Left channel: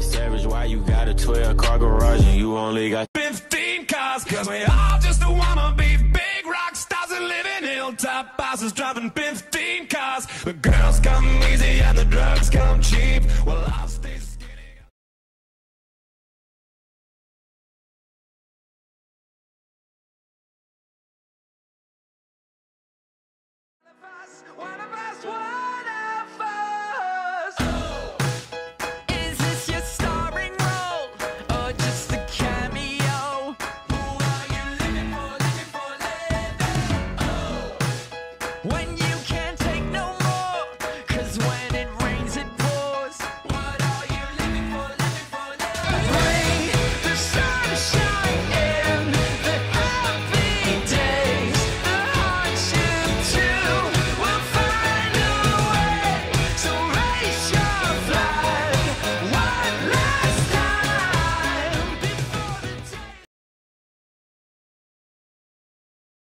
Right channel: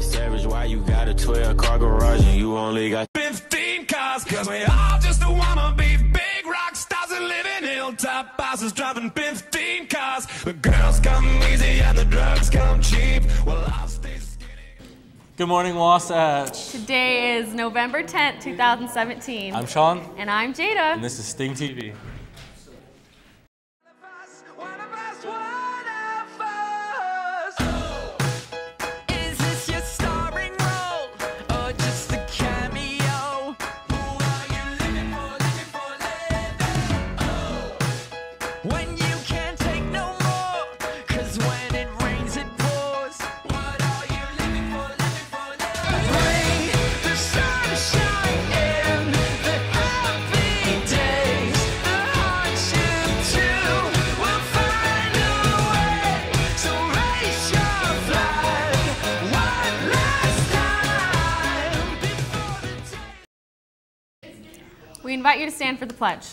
like savage, why you got a 12-car garage and you only got 15 cars? Cause we all just wanna be big rock stars and live in hilltop houses driving 15 cars. The girls come easy and the drugs come cheap. Well, I'll stay skinny. Good morning, Wasatch. Today is November 10th, 2017. I'm Sean. And I'm Jada. And this is Sting TV. We invite you to stand for the pledge.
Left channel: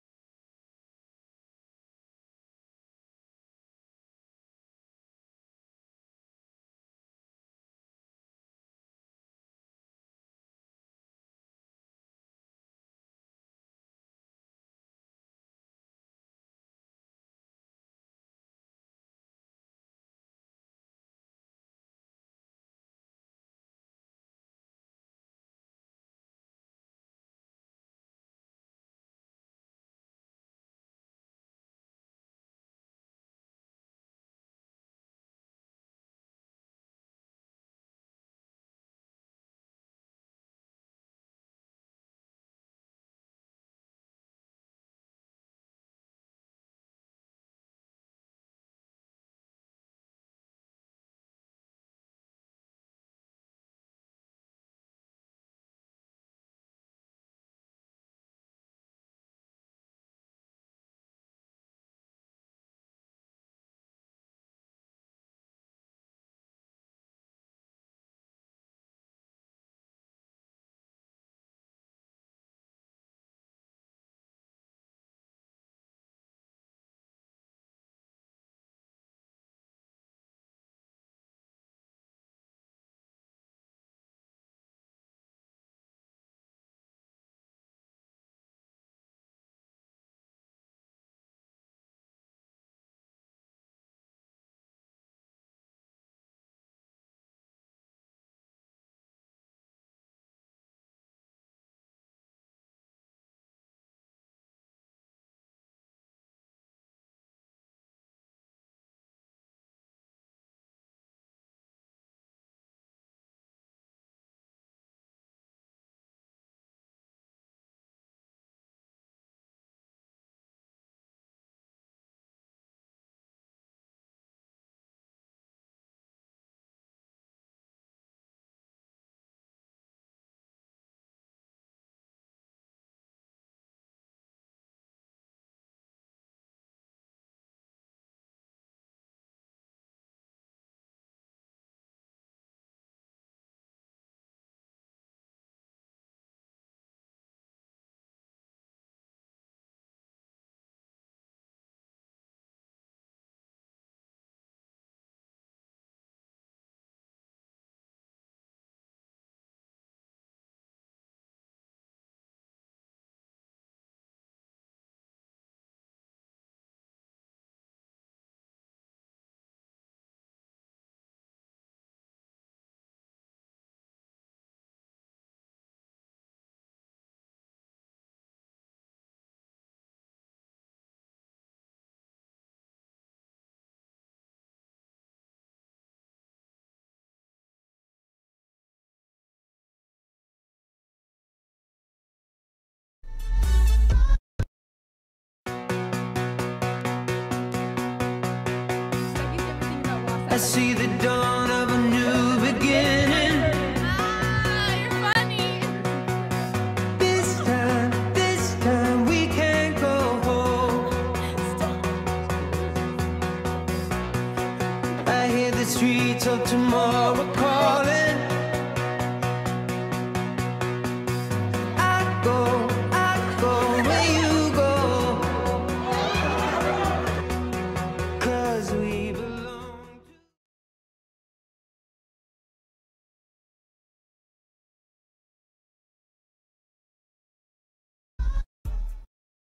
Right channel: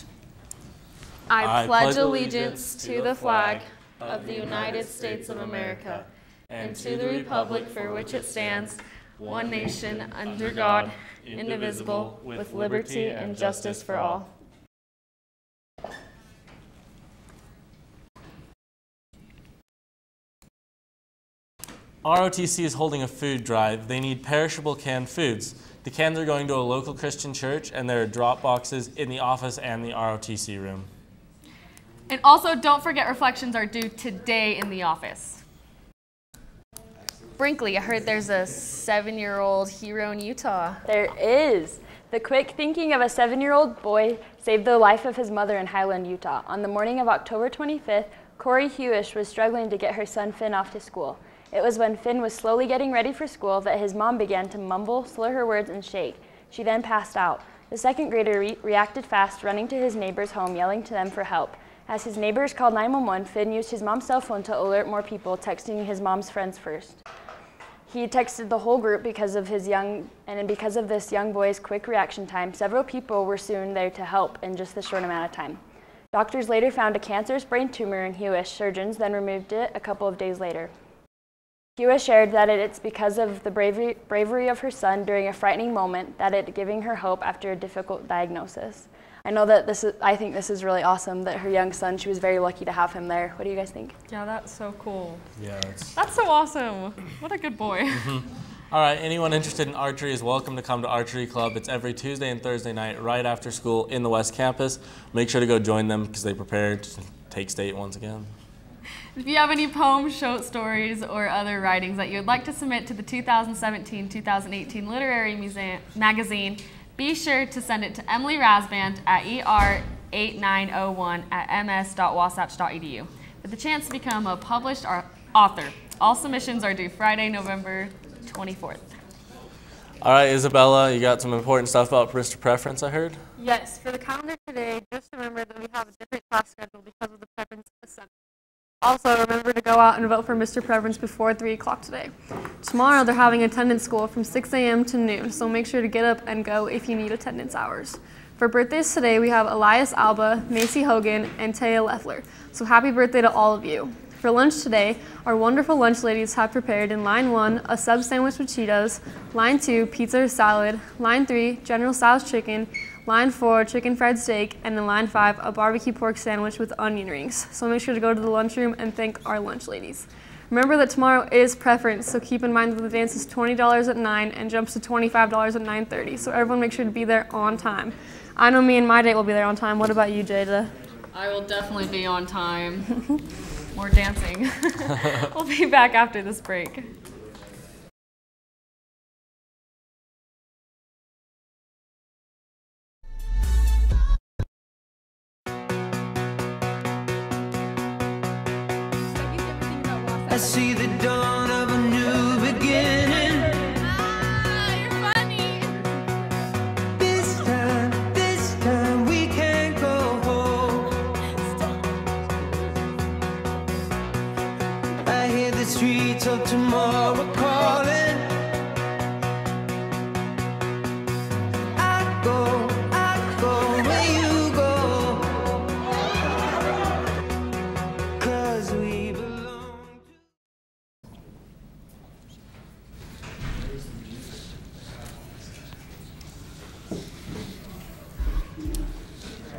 I pledge allegiance to the flag of the United States of America and to the republic for which it stands, one nation, under God, indivisible, with liberty and justice for all. ROTC is holding a food drive. They need perishable canned foods. The cans are going to a local Christian church, and there are drop boxes in the office and the ROTC room. And also, don't forget reflections are due today in the office. Brinkley, I heard there's a 7-year-old hero in Utah. There is. The quick thinking of a 7-year-old boy saved the life of his mother in Highland, Utah. On the morning of October 25th, Corey Hewish was struggling to get her son Finn off to school. It was when Finn was slowly getting ready for school that his mom began to mumble, slur her words, and shake. She then passed out. The second grader reacted fast, running to his neighbor's home, yelling to them for help. As his neighbors called 911, Finn used his mom's cell phone to alert more people, texting his mom's friends first. He texted the whole group because of this young boy's quick reaction time. Several people were soon there to help in just this short amount of time. Doctors later found a cancerous brain tumor in Hewish. Surgeons then removed it a couple of days later. Hewish shared that it's because of the bravery of her son during a frightening moment that it's giving her hope after a difficult diagnosis. I know that I think this is really awesome that her young son, she was very lucky to have him there. What do you guys think? Yeah, that's so cool. Yeah, that's so awesome. What a good boy. Mm-hmm. All right, anyone interested in archery is welcome to come to Archery Club. It's every Tuesday and Thursday night right after school in the West Campus. Make sure to go join them because they prepared to take state once again. If you have any poems, short stories, or other writings that you would like to submit to the 2017-2018 Literary Magazine, be sure to send it to Emily Rasband at er8901@ms.wasatch.edu with the chance to become a published author. All submissions are due Friday, November 24th. All right, Isabella, you got some important stuff about Mr. Preference, I heard? Yes, for the calendar today, just remember that we have a different class schedule because of the preference assembly. Also, remember to go out and vote for Mr. Preference before 3 o'clock today. Tomorrow, they're having attendance school from 6 a.m. to noon, so make sure to get up and go if you need attendance hours. For birthdays today, we have Elias Alba, Macy Hogan, and Taya Leffler. So happy birthday to all of you. For lunch today, our wonderful lunch ladies have prepared in line 1, a sub sandwich with Cheetos, line 2, pizza or salad, line 3, General Tso's chicken, line 4, chicken fried steak, and in line 5, a barbecue pork sandwich with onion rings. So make sure to go to the lunchroom and thank our lunch ladies. Remember that tomorrow is preference, so keep in mind that the dance is $20 at 9 and jumps to $25 at 9:30. So everyone make sure to be there on time. I know me and my date will be there on time. What about you, Jada? I will definitely be on time. More dancing. We'll be back after this break. I see the dawn of a new beginning. You're funny. This time we can't go home. I hear the streets of tomorrow calling. I go where you go. 'Cause we belong to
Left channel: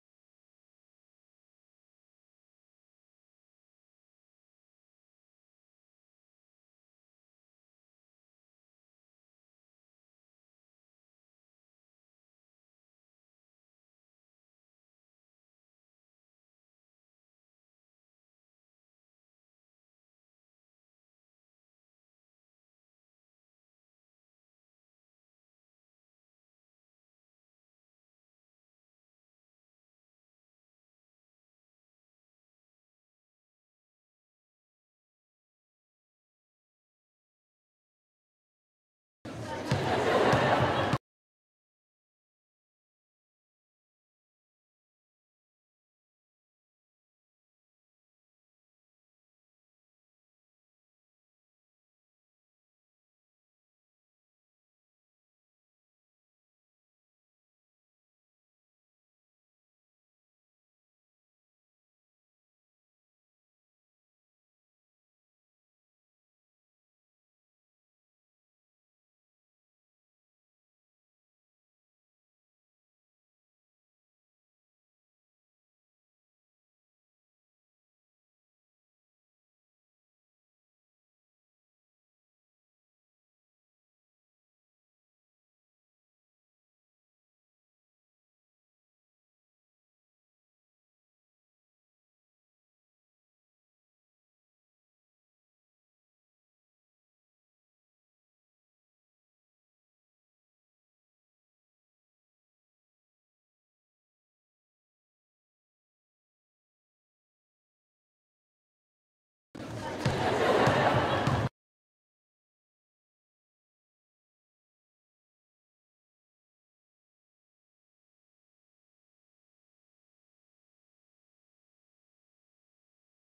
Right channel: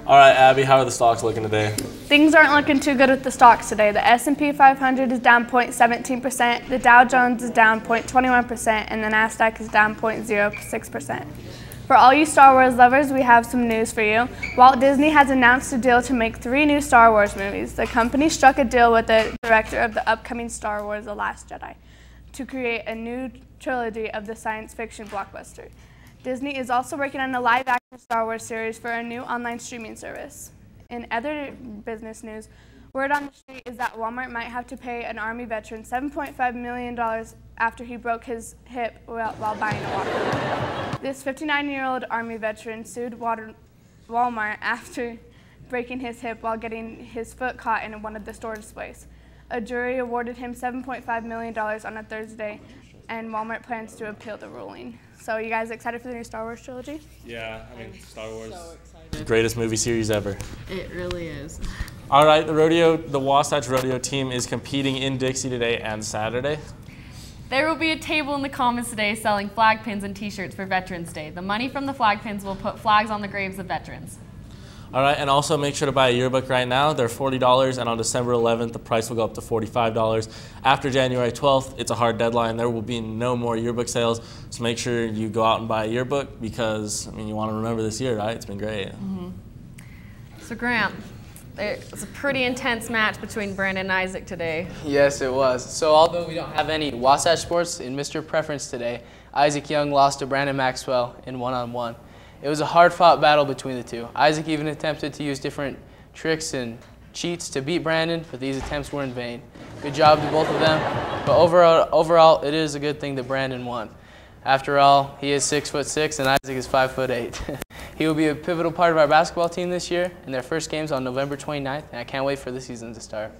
All right, Abby, how are the stocks looking today? Things aren't looking too good with the stocks today. The S&P 500 is down 0.17%, the Dow Jones is down 0.21%, and the Nasdaq is down 0.06%. For all you Star Wars lovers, we have some news for you. Walt Disney has announced a deal to make 3 new Star Wars movies. The company struck a deal with the director of the upcoming Star Wars The Last Jedi to create a new trilogy of the science fiction blockbuster. Disney is also working on a live-action Star Wars series for a new online streaming service. In other business news, word on the street is that Walmart might have to pay an Army veteran $7.5 million after he broke his hip while buying it. This 59-year-old Army veteran sued Walmart after breaking his hip while getting his foot caught in one of the store displays. A jury awarded him $7.5 million on a Thursday, and Walmart plans to appeal the ruling. So you guys excited for the new Star Wars trilogy? Yeah, I mean, Star Wars, the greatest movie series ever. It really is. All right, the Wasatch Rodeo team is competing in Dixie today and Saturday. There will be a table in the Commons today selling flag pins and t-shirts for Veterans Day. The money from the flag pins will put flags on the graves of veterans. All right, and also make sure to buy a yearbook right now. They're $40, and on December 11th, the price will go up to $45. After January 12th, it's a hard deadline. There will be no more yearbook sales, so make sure you go out and buy a yearbook because, I mean, you want to remember this year, right? It's been great. Mm-hmm. So, Grant, it was a pretty intense match between Brandon and Isaac today. Yes, it was. So, although we don't have any Wasatch sports in Mr. Preference today, Isaac Young lost to Brandon Maxwell in one-on-one. It was a hard-fought battle between the two. Isaac even attempted to use different tricks and cheats to beat Brandon, but these attempts were in vain. Good job to both of them. But overall, it is a good thing that Brandon won. After all, he is 6'6" and Isaac is 5'8". He will be a pivotal part of our basketball team this year, and their first game's on November 29th, and I can't wait for the season to start.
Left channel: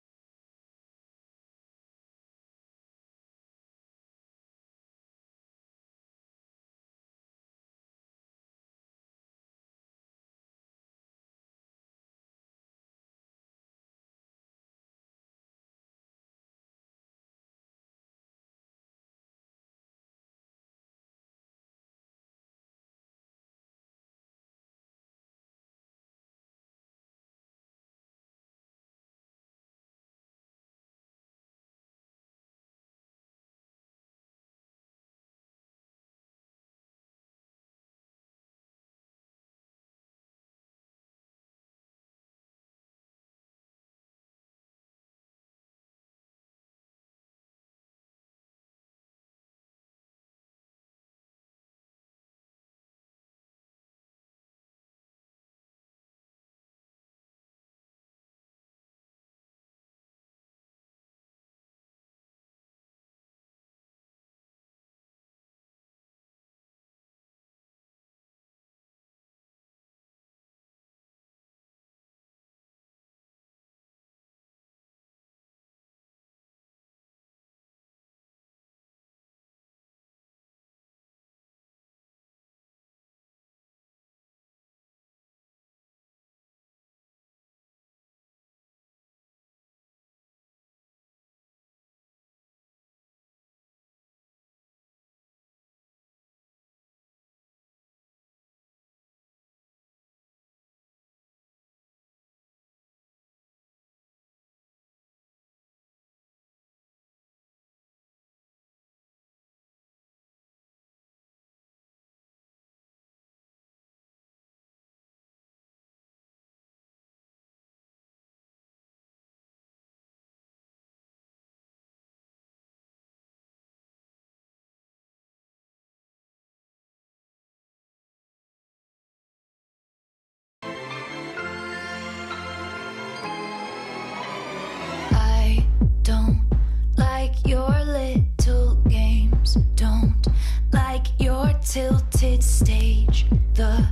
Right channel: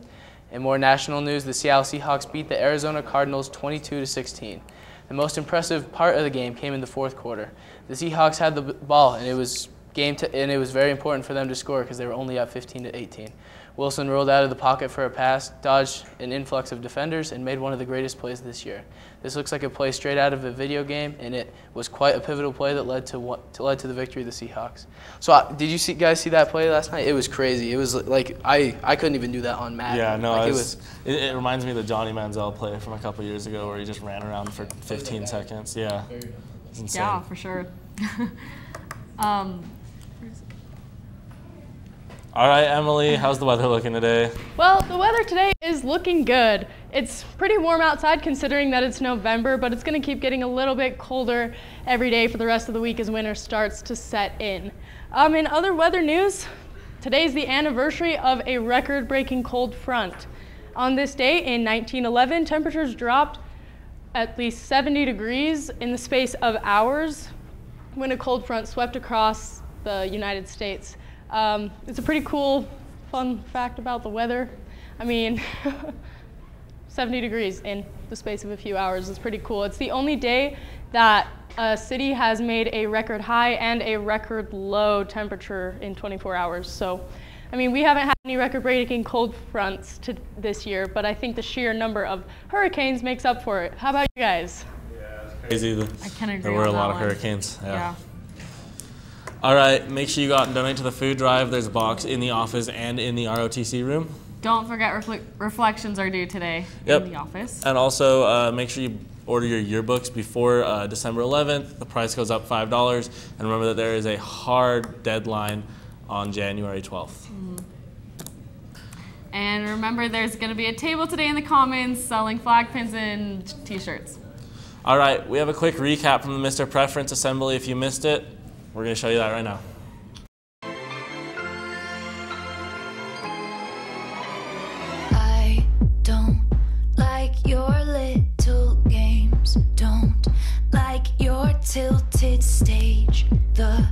In more national news, the Seattle Seahawks beat the Arizona Cardinals 22-16. The most impressive part of the game came in the fourth quarter. The Seahawks had the ball, and it was very important for them to score because they were only up 15-18. Wilson rolled out of the pocket for a pass, dodged an influx of defenders, and made one of the greatest plays this year. This looks like a play straight out of a video game, and it was quite a pivotal play that led to the victory of the Seahawks. So, did you guys see that play last night? It was crazy. It was like I couldn't even do that on Madden. Yeah, no, like, it reminds me of the Johnny Manziel play from a couple years ago where he just ran around for 15 seconds. Yeah, it's insane. Yeah, for sure. All right, Emily, how's the weather looking today? Well, the weather today is looking good. It's pretty warm outside considering that it's November, but it's going to keep getting a little bit colder every day for the rest of the week as winter starts to set in. In other weather news, today's the anniversary of a record-breaking cold front. On this day in 1911, temperatures dropped at least 70 degrees in the space of hours when a cold front swept across the United States. It's a pretty cool, fun fact about the weather. I mean, 70 degrees in the space of a few hours is pretty cool. It's the only day that a city has made a record high and a record low temperature in 24 hours. So, I mean, we haven't had any record-breaking cold fronts this year, but I think the sheer number of hurricanes makes up for it. How about you guys? Yeah, it's crazy. I can agree. There were a lot of hurricanes. Yeah. All right, make sure you go out and donate to the food drive. There's a box in the office and in the ROTC room. Don't forget reflections are due today in the office. And also make sure you order your yearbooks before December 11th. The price goes up $5. And remember that there is a hard deadline on January 12th. Mm-hmm. And remember, there's going to be a table today in the Commons selling flag pins and t-shirts. All right, we have a quick recap from the Mr. Preference Assembly. If you missed it, we're going to show you that right now. I don't like your little games, don't like your tilted stage, the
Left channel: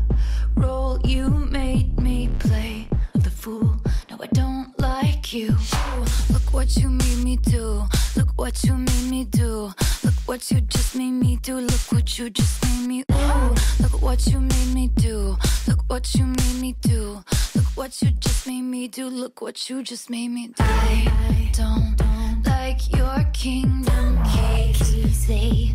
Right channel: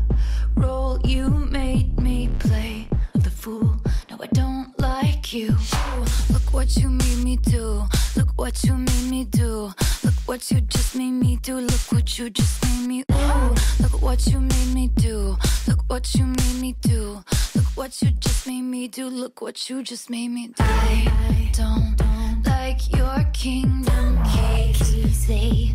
role you made me play of the fool. No, I don't like you. Ooh, look what you made me do. Look what you made me do. Look what you just made me do. Look what you just made me. Ooh, look what you made me do. Look what you made me do. Look what you just made me do. Look what you just made me do. I don't like your kingdom keys. They